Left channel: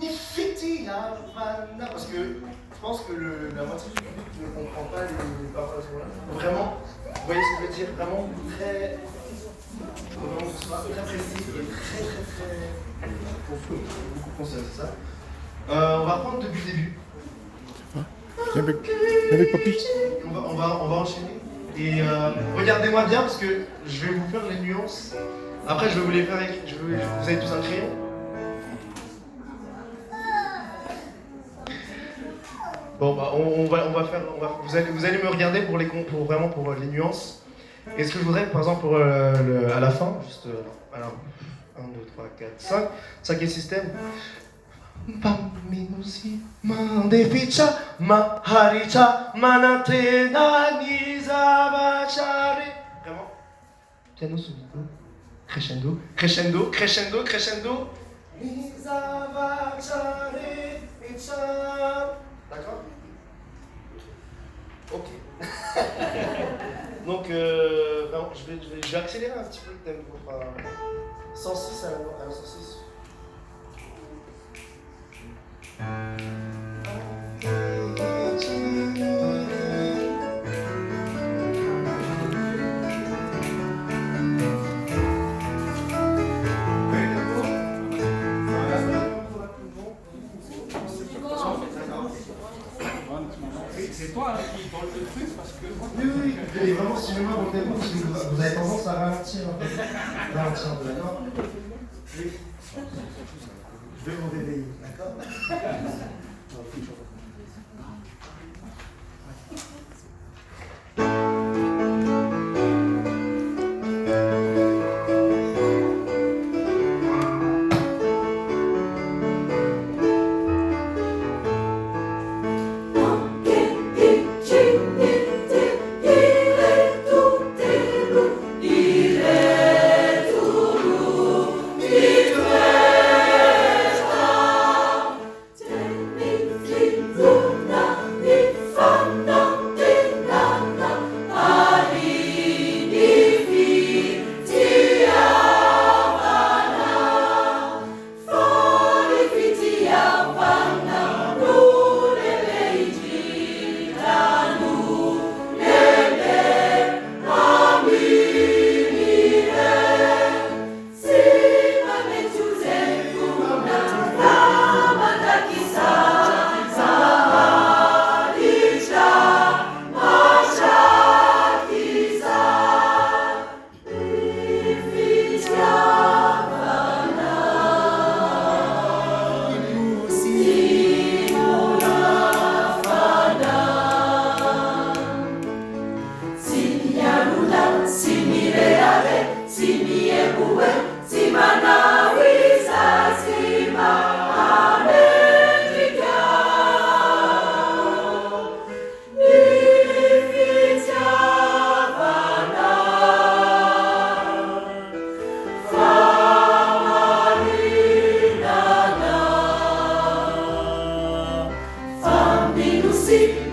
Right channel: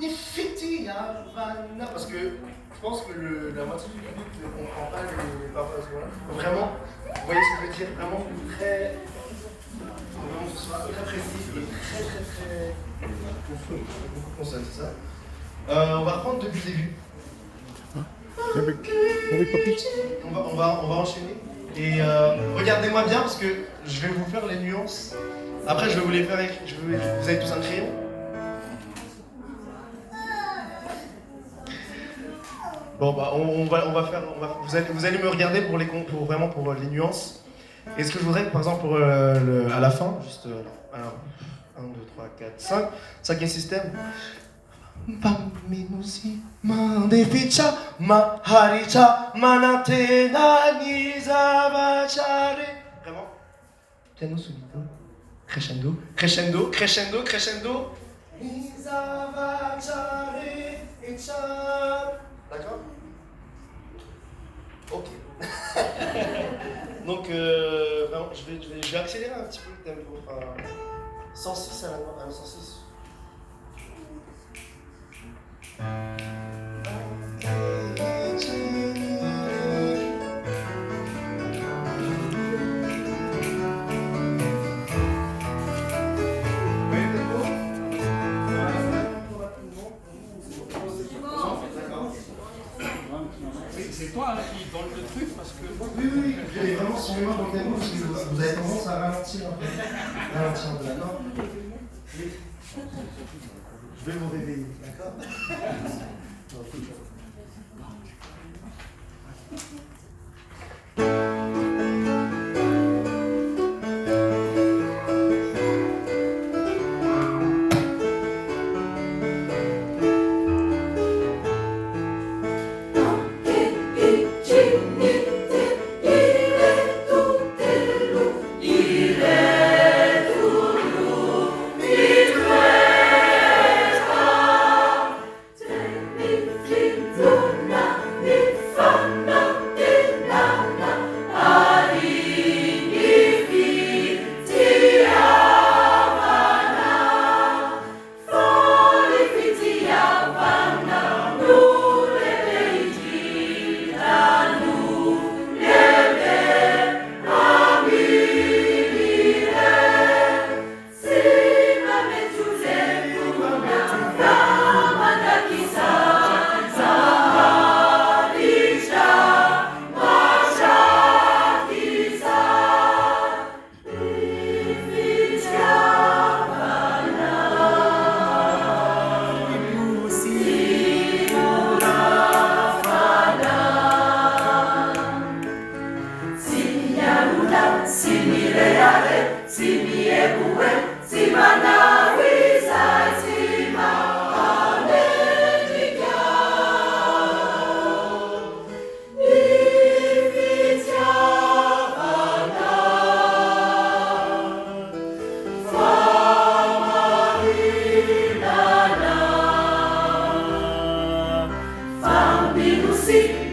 Nifiti Havana. Parce que je pense que la moitié du public ne comprend pas les paroles à ce moment-là. Vraiment, vous voyez ce que je veux dire? Vraiment très. Vraiment, très précis et très. Beaucoup consonnes, c'est ça. On va reprendre depuis le début. Avec papy. On va enchaîner. Et regardez-moi bien parce que je vais vous faire les nuances. Après, je vais vous les faire avec. Vous avez tous un crayon. Bon, bah, vous allez me regarder pour les nuances. Et ce que je voudrais, par exemple, à la fin, juste 1, 2, 3, 4, 5, cinquième système. Paminusi, mandeficha, maharicha, manatena, nizavachare. Vraiment. Piano solido. Crescendo, crescendo, crescendo, crescendo. Nizavachare, echa. D'accord? Ok. Donc, vraiment, je vais accélérer un petit peu le tempo. 106 à la 106. C'est toi qui vole le truc parce que. Oui, et vraiment, suivez-moi dans le tempo parce que vous avez tendance à ralentir un peu. Ralentir un peu. Non. Oui. Je vais vous réveiller, d'accord? See